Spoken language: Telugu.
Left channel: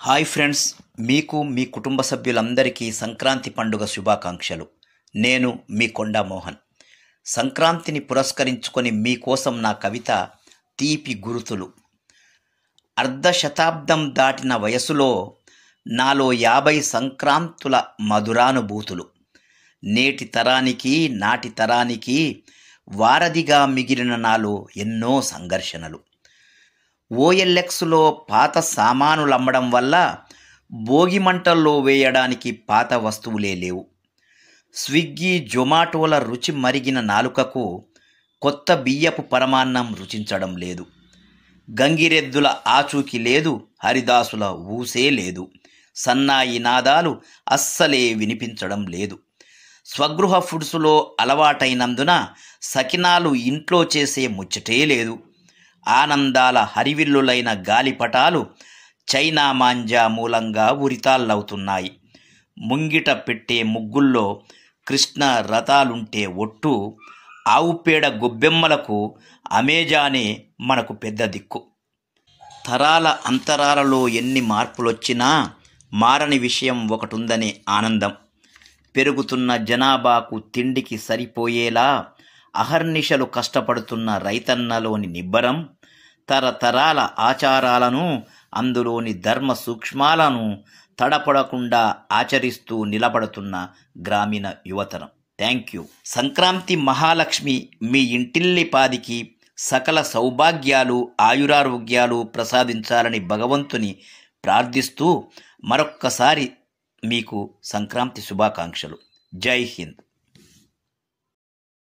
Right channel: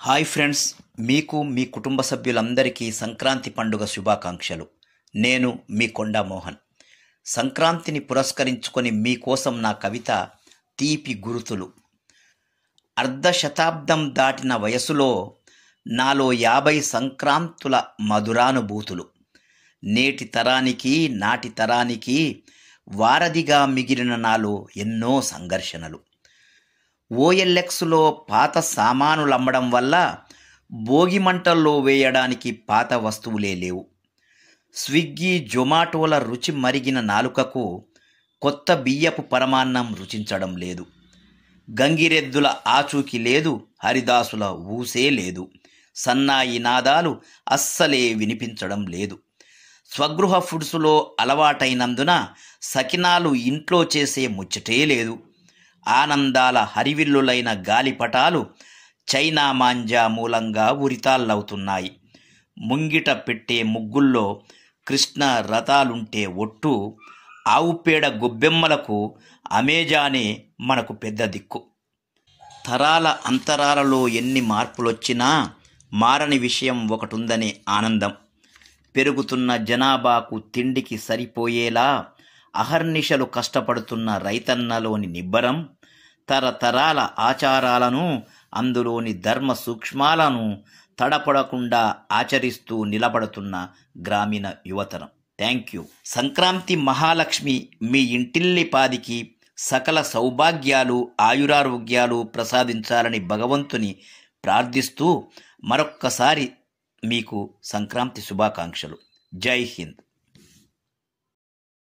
హాయ్ ఫ్రెండ్స్, మీకు మీ కుటుంబ సభ్యులందరికీ సంక్రాంతి పండుగ శుభాకాంక్షలు. నేను మీ కొండా మోహన్. సంక్రాంతిని పురస్కరించుకొని మీకోసం నా కవిత తీపి గురుతులు. అర్ధ శతాబ్దం దాటిన వయసులో నాలో 50 సంక్రాంతుల మధురానుభూతులు. నేటి తరానికి నాటి తరానికి వారధిగా మిగిలిన నాలో ఎన్నో సంఘర్షణలు. ఓఎల్ఎక్స్లో పాత సామానులమ్మడం వల్ల భోగి మంటల్లో వేయడానికి పాత వస్తువులే లేవు. స్విగ్గీ జొమాటోల రుచి మరిగిన నాలుకకు కొత్త బియ్యపు పరమాన్నం రుచించడం లేదు. గంగిరెద్దుల ఆచూకీ లేదు, హరిదాసుల ఊసే లేదు, సన్నాయి నాదాలు అస్సలే వినిపించడం లేదు. స్వగృహ ఫుడ్స్లో అలవాటైనందున సకినాలు ఇంట్లో చేసే ముచ్చటే లేదు. ఆనందాల హరివిల్లులైన గాలిపటాలు చైనా మాంజా మూలంగా ఉరితాళ్ళవుతున్నాయి. ముంగిట పెట్టే ముగ్గుల్లో కృష్ణ రథాలుంటే ఒట్టు, ఆవుపేడ గొబ్బెమ్మలకు అమెజానే మనకు పెద్ద దిక్కు. తరాల అంతరాలలో ఎన్ని మార్పులొచ్చినా మారని విషయం ఒకటుందనే ఆనందం. పెరుగుతున్న జనాభాకు తిండికి సరిపోయేలా అహర్నిశలు కష్టపడుతున్న రైతన్నలోని నిబ్బరం, తరతరాల ఆచారాలను, అందులోని ధర్మ సూక్ష్మాలను తడపడకుండా ఆచరిస్తూ నిలబడుతున్న గ్రామీణ యువతరం. Thank you. సంక్రాంతి మహాలక్ష్మి మీ ఇంటిల్లిపాదికి సకల సౌభాగ్యాలు, ఆయురారోగ్యాలు ప్రసాదించాలని భగవంతుని ప్రార్థిస్తూ మరొక్కసారి మీకు సంక్రాంతి శుభాకాంక్షలు. జై హింద్.